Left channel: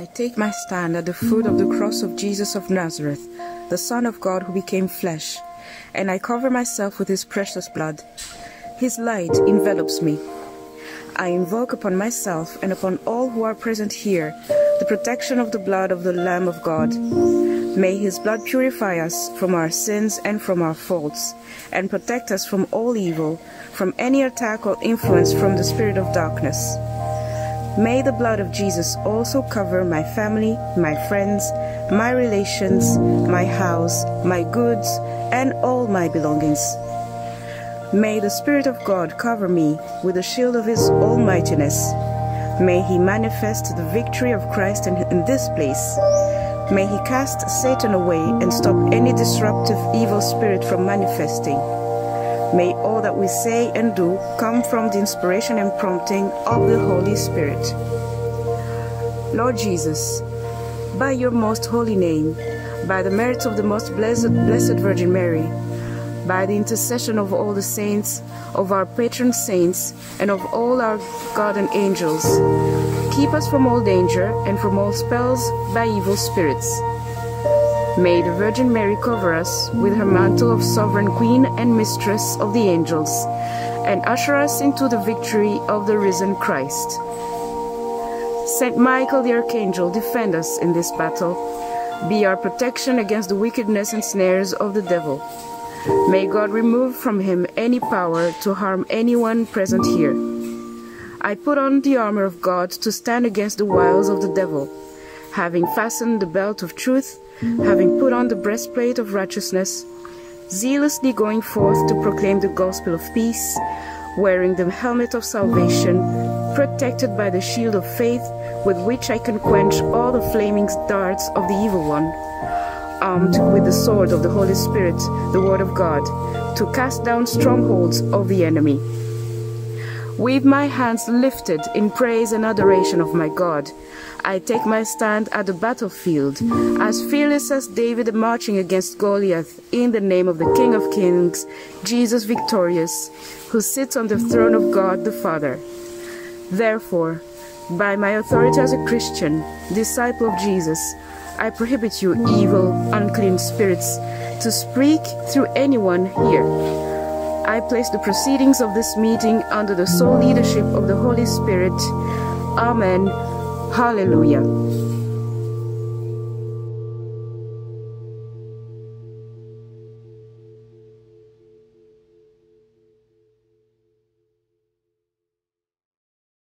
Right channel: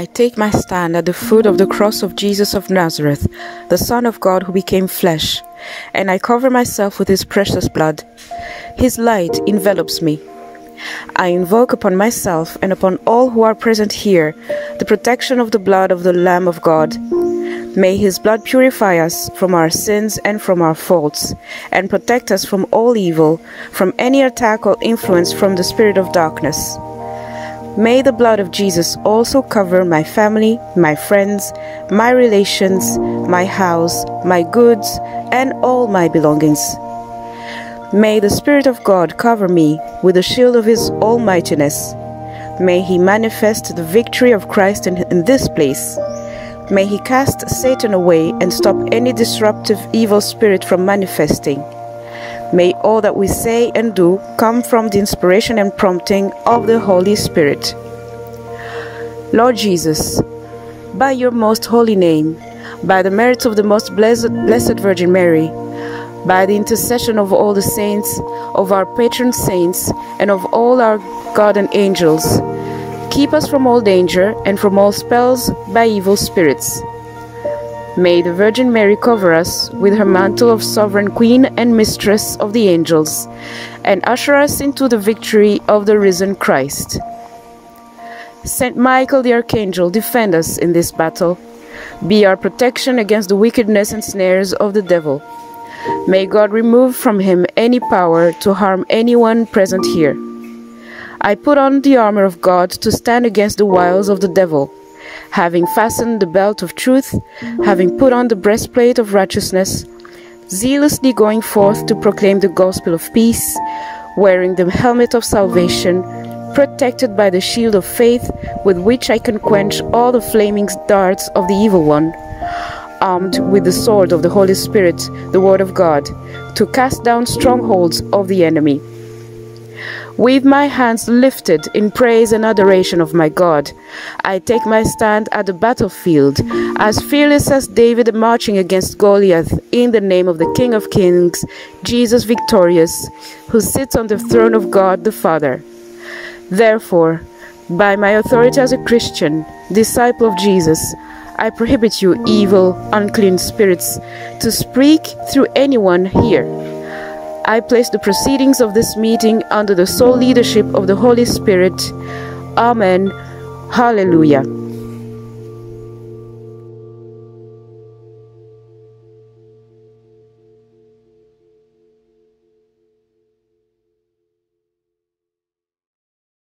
I take my stand at the foot of the cross of Jesus of Nazareth, the Son of God who became flesh, and I cover myself with his precious blood. His light envelops me. I invoke upon myself and upon all who are present here the protection of the blood of the Lamb of God. May his blood purify us from our sins and from our faults, and protect us from all evil, from any attack or influence from the spirit of darkness. May the blood of Jesus also cover my family, my friends, my relations, my house, my goods, and all my belongings. May the Spirit of God cover me with the shield of his almightiness. May he manifest the victory of Christ in this place. May he cast Satan away and stop any disruptive evil spirit from manifesting. May all that we say and do come from the inspiration and prompting of the Holy Spirit. Lord Jesus, by your most holy name, by the merits of the most blessed Virgin Mary, by the intercession of all the saints, of our patron saints, and of all our guardian angels, keep us from all danger and from all spells by evil spirits. May the Virgin Mary cover us with her mantle of sovereign queen and mistress of the angels, and usher us into the victory of the risen Christ. Saint Michael the Archangel, defend us in this battle. Be our protection against the wickedness and snares of the devil. May God remove from him any power to harm anyone present here. I put on the armor of God to stand against the wiles of the devil, having fastened the belt of truth, having put on the breastplate of righteousness, zealously going forth to proclaim the gospel of peace, wearing the helmet of salvation, protected by the shield of faith with which I can quench all the flaming darts of the evil one, armed with the sword of the Holy Spirit, the word of God, to cast down strongholds of the enemy. With my hands lifted in praise and adoration of my God, I take my stand at the battlefield, as fearless as David marching against Goliath, in the name of the King of Kings, Jesus victorious, who sits on the throne of God the Father. Therefore, by my authority as a Christian, disciple of Jesus, I prohibit you, evil, unclean spirits, to speak through anyone here. I place the proceedings of this meeting under the sole leadership of the Holy Spirit. Amen. Hallelujah.